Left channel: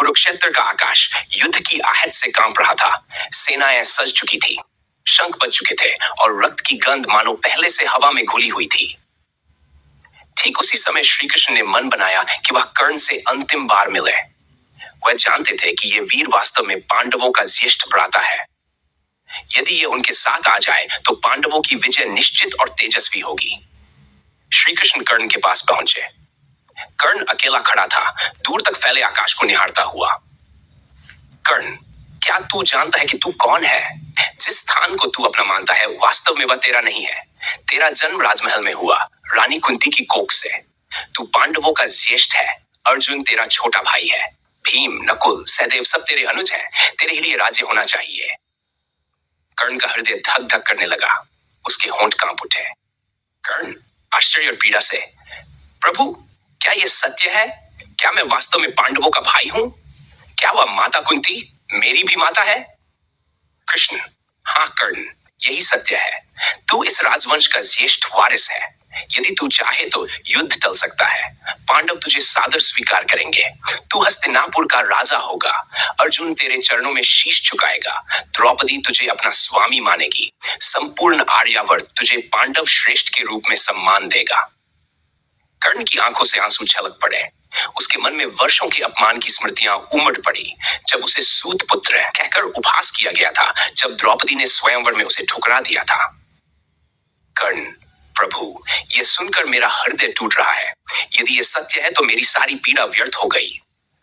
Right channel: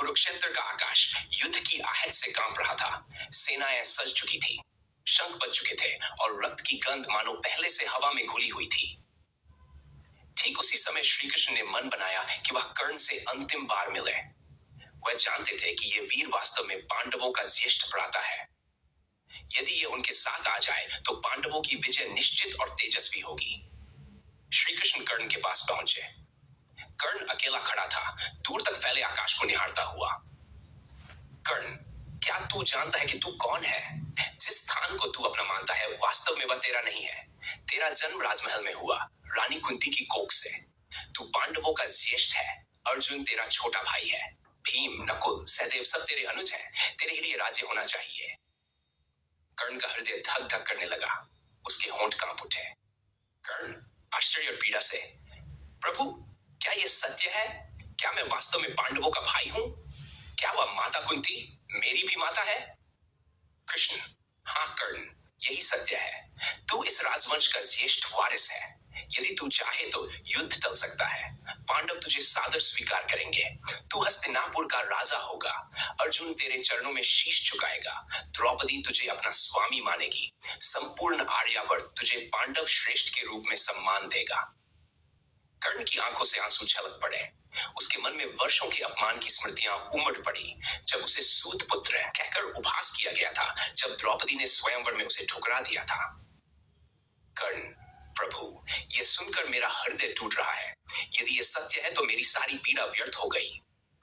कुरुक्षेत्र का आकाश युद्ध की आहट से कांप रहा था। सेनाएं सज चुकी थी, शंख बज चुके थे और रक्त की गंध मानो पहले से हवा में घुली हुई थी। ठीक उसी समय श्री कृष्ण ने मन बनाया कि वह कर्ण से अंतिम बार मिले। वह जानते थे कि यह वीर वास्तव में पांडवों का ज्येष्ठ भ्राता है। यदि ये उनके साथ आ जाए तो पांडवों की विजय निश्चित और तेजस्वी होगी। श्री कृष्ण कर्ण के पास पहुंचे। कर्ण अकेला खड़ा था, दूर तक फैले आकाश को निहारता हुआ। कर्ण, क्या तू जानता है कि तू कौन है? जिस स्थान को तू अपना मानता है वास्तव में वह तेरा नहीं है। तेरा जन्म राजमहल में हुआ, रानी कुंती की कोख से। तू पांडवों का ज्येष्ठ है। अर्जुन तेरा छोटा भाई है। भीम, नकुल, सहदेव सब तेरे अनुज हैं। तेरे ही लिए राज्य होना चाहिए। कर्ण का हृदय धक धक करने लगा। उसके होंठ कांप उठे। कर्ण आश्चर्य और पीड़ा से, प्रभु, क्या यह सत्य है? क्या मैं वास्तव में पांडवों का भाई हूं? क्या वह माता कुंती मेरी भी माता है? कृष्ण, हाँ कर्ण, यही सत्य है। तू इस राजवंश का ज्येष्ठ वारिस है। यदि तू चाहे तो युद्ध टल सकता है। पांडव तुझे सादर स्वीकार करेंगे। तू हस्तिनापुर का राजा होगा। अर्जुन तेरे चरणों में शीश झुकाएगा। द्रौपदी तुझे अपना स्वामी मानेगी। संपूर्ण आर्यावर्त तुझे पांडव श्रेष्ठ के रूप में सम्मान देगा। कर्ण की आंखों से आंसू छलक पड़े। उसके मन में वर्षों के अपमान की स्मृतियां उमड़ पड़ी। जब उसे सूत पुत्र कहकर उपहास किया गया था, जब द्रौपदी ने स्वयंवर में उसे ठुकरा दिया था। कर्ण, प्रभु, यह सुनकर मेरा हृदय टूट रहा है। यदि यह सत्य है तो मेरी सारी पीड़ा व्यर्थ हो गई।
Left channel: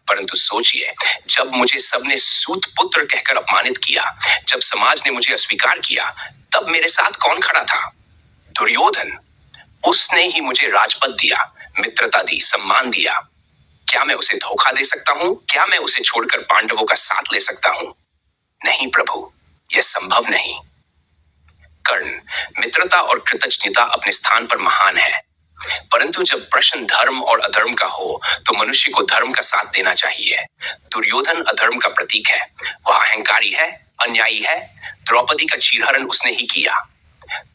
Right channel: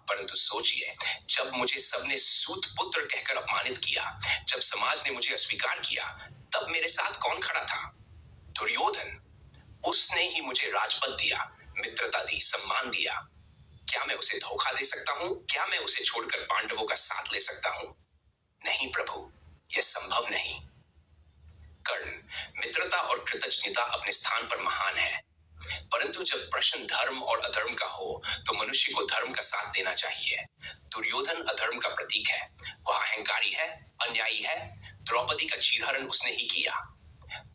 परंतु सोचिए, जब मुझे सबने सूत पुत्र कहकर अपमानित किया, जब समाज ने मुझे अस्वीकार किया, तब मेरे साथ कौन खड़ा था? दुर्योधन। उसने ही मुझे राजपद दिया, मित्रता दी, सम्मान दिया। क्या मैं उसे धोखा दे सकता हूं? क्या मैं उसे छोड़कर पांडवों का साथ ले सकता हूं? नहीं प्रभु, यह संभव नहीं। कर्ण, मित्रता और कृतज्ञता अपने स्थान पर महान है, परंतु जब प्रश्न धर्म और अधर्म का हो तो मनुष्य को धर्म का साथ देना चाहिए। दुर्योधन अधर्म का प्रतीक है। वह अहंकारी है, अन्यायी है। द्रौपदी का चीरहरण उसने ही किया।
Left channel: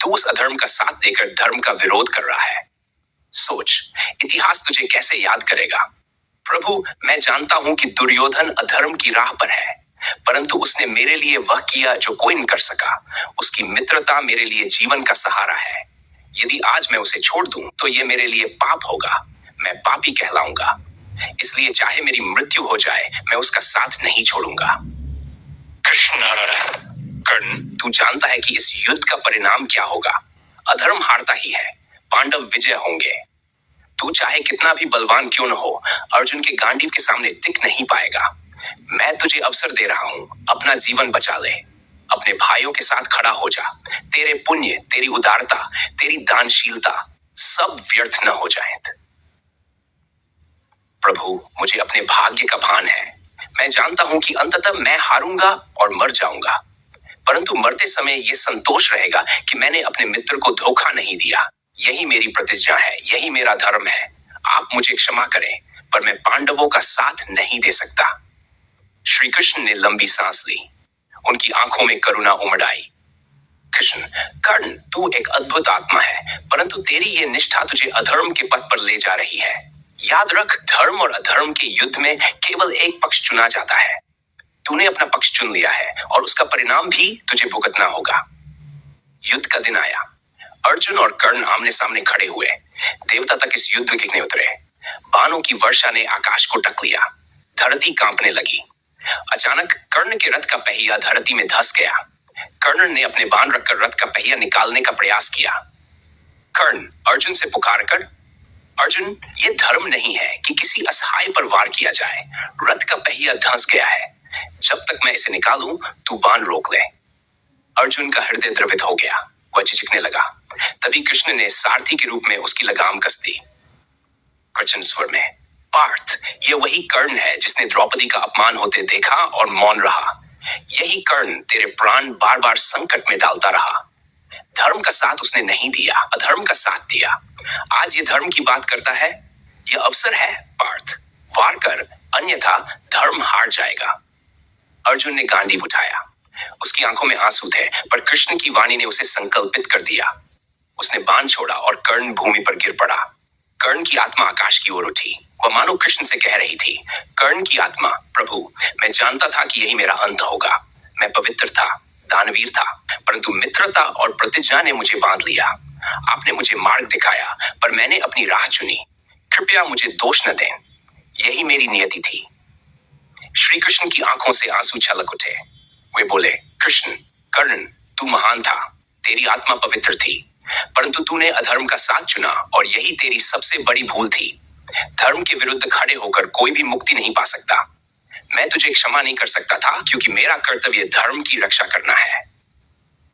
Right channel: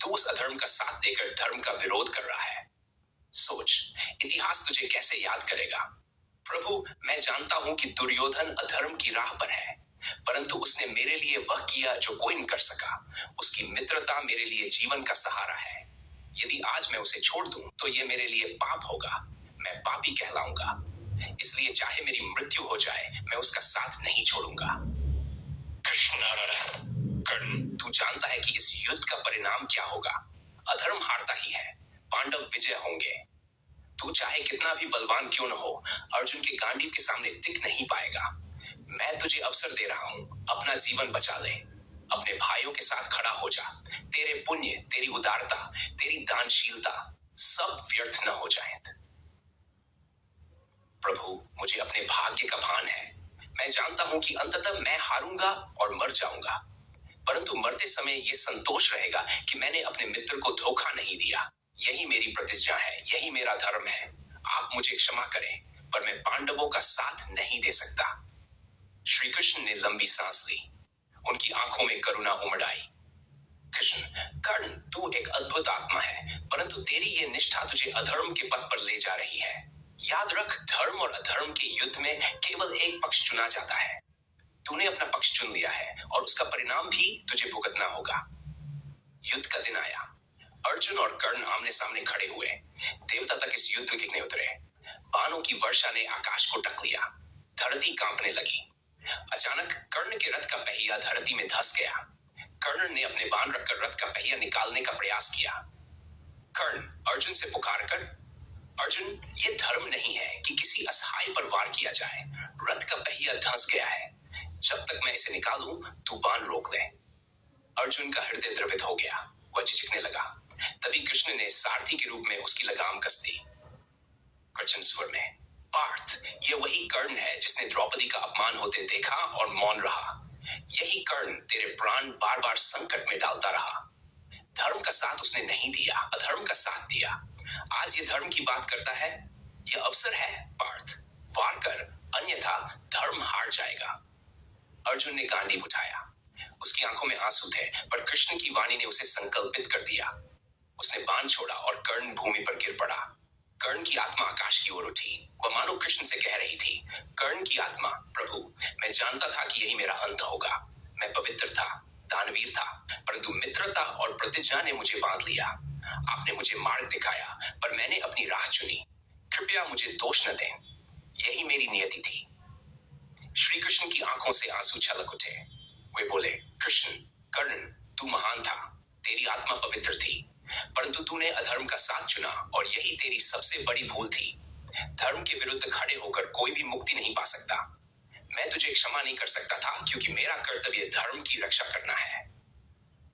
तू उस अधर्म का साथ देकर धर्म का विरोध कर रहा है। सोच, इतिहास तुझे कैसे याद करेगा? प्रभु, मैं जानता हूं कि दुर्योधन अधर्म की राह पर है, परंतु उसने मेरे लिए वह किया जो कोई नहीं कर सका। उसकी मित्रता मेरे लिए जीवन का सहारा है। यदि आज मैं उसे छोड़ दूं तो यह मेरे लिए पाप होगा। मैं पापी कहलाऊंगा। इसलिए चाहे मेरी मृत्यु हो जाए, मैं उसका साथ नहीं छोड़ूंगा। कृष्ण, कर्ण, तू जानता है कि इस युद्ध का परिणाम क्या होगा। अधर्म हारता ही है, पांडव विजय होंगे। तू चाहे कितना भी बलवान क्यों न हो, अर्जुन के गांडीव के सामने टिक नहीं पाएगा। मैं तुझे अवसर दे रहा हूं, अपना जीवन बचा ले। अपने भाइयों के साथ खड़ा हो जा। तेरे पुण्य, तेरी उदारता, तेरी दानशीलता सब व्यर्थ न हो जाएं। प्रभु, मुझे अपने भाग्य का भान है। मैं जानता हूं कि अंततः मैं हारूंगा और मर जाऊंगा, परंतु मरते समय यह संतोष रहेगा कि मैंने अपने मित्र को धोखा नहीं दिया। यही मेरी प्रतिज्ञा है, यही मेरा धर्म है। आप मुझे क्षमा करें, पर मैं पांडवों का साथ नहीं दे सकता। श्री कृष्ण ने लंबी सांस ली। उनकी आंखों में करुणा उमड़ आई। कृष्ण, कर्ण, तू एक अद्भुत आत्मा है, परंतु तेरी ये निष्ठा तुझे अधर्म के पथ पर ले जा रही है। याद रख, धर्म और अधर्म के युद्ध में केवल एक पक्ष चुना जाता है। तूने अपना पक्ष चुन लिया है और उसका परिणाम भी तुझे भुगतना होगा। युद्ध का दिन आया। अर्जुन और कर्ण आमने सामने खड़े हुए। देवता तक इस युद्ध देखने उतरे। बाणों की वर्षा ने आकाश को ढक लिया। धरती कांपने लगी। अचानक कर्ण के रथ का पहिया धरती में धंस गया। कर्ण ने अपने बाण रखकर रथ का पहिया निकालने का प्रयास किया। कर्ण अर्जुन से पुकार कर, अर्जुन, ये धर्म नहीं है कि किसी असहाय पर वार किया जाए। रथ का पहिया धंस गया है। जब तक मैं इसे निकालूं, तू बाण रोक ले। अर्जुन का हृदय द्रवित हो गया। वह झिझकने लगा। तभी कृष्ण ने सारथी के रूप में उसकी लगाम कस दी। कठिन स्वर में, पार्थ, यह वही कर्ण है जिसने द्रौपदी का अपमान होते देखा और मौन रहा। यही कर्ण तेरे प्राण बार बार संकट में डालता रहा। धर्म का साथ उसने नहीं दिया, अधर्म का साथ दिया। आज ये धर्म की बात करता है। यह अवसर है पार्थ, वार कर, अन्यथा धर्म हार जाएगा। अर्जुन ने गांडीव उठाया। उसकी आंखों में आंसू थे, पर कृष्ण की वाणी ने उसे संकल्पित कर दिया। उसने बाण छोड़ा और कर्ण भूमि पर गिर पड़ा। कर्ण की आत्मा आकाश की ओर उठी। वह मानो कृष्ण से कह रही थी, कर्ण की आत्मा, प्रभु, मैं जानता था कि यही मेरा अंत होगा। मैं पवित्र था, दानवीर था, परंतु मित्रता और प्रतिज्ञा ने मुझे बांध लिया। आपने मुझे मार्ग दिखाया, पर मैंने अपनी राह चुनी। कृपया मुझे दोष न दें, यही मेरी नियति थी। श्री कृष्ण की आंखों से आंसू छलक उठे। वे बोले, कृष्ण, कर्ण, तू महान था, तेरी आत्मा पवित्र थी, परंतु तूने अधर्म का साथ चुना और यही तेरी सबसे बड़ी भूल थी। धर्म के विरुद्ध खड़े होकर कोई भी मुक्ति नहीं पा सकता। मैं तुझे क्षमा नहीं कर सकता था, क्योंकि मेरा कर्तव्य धर्म की रक्षा करना है।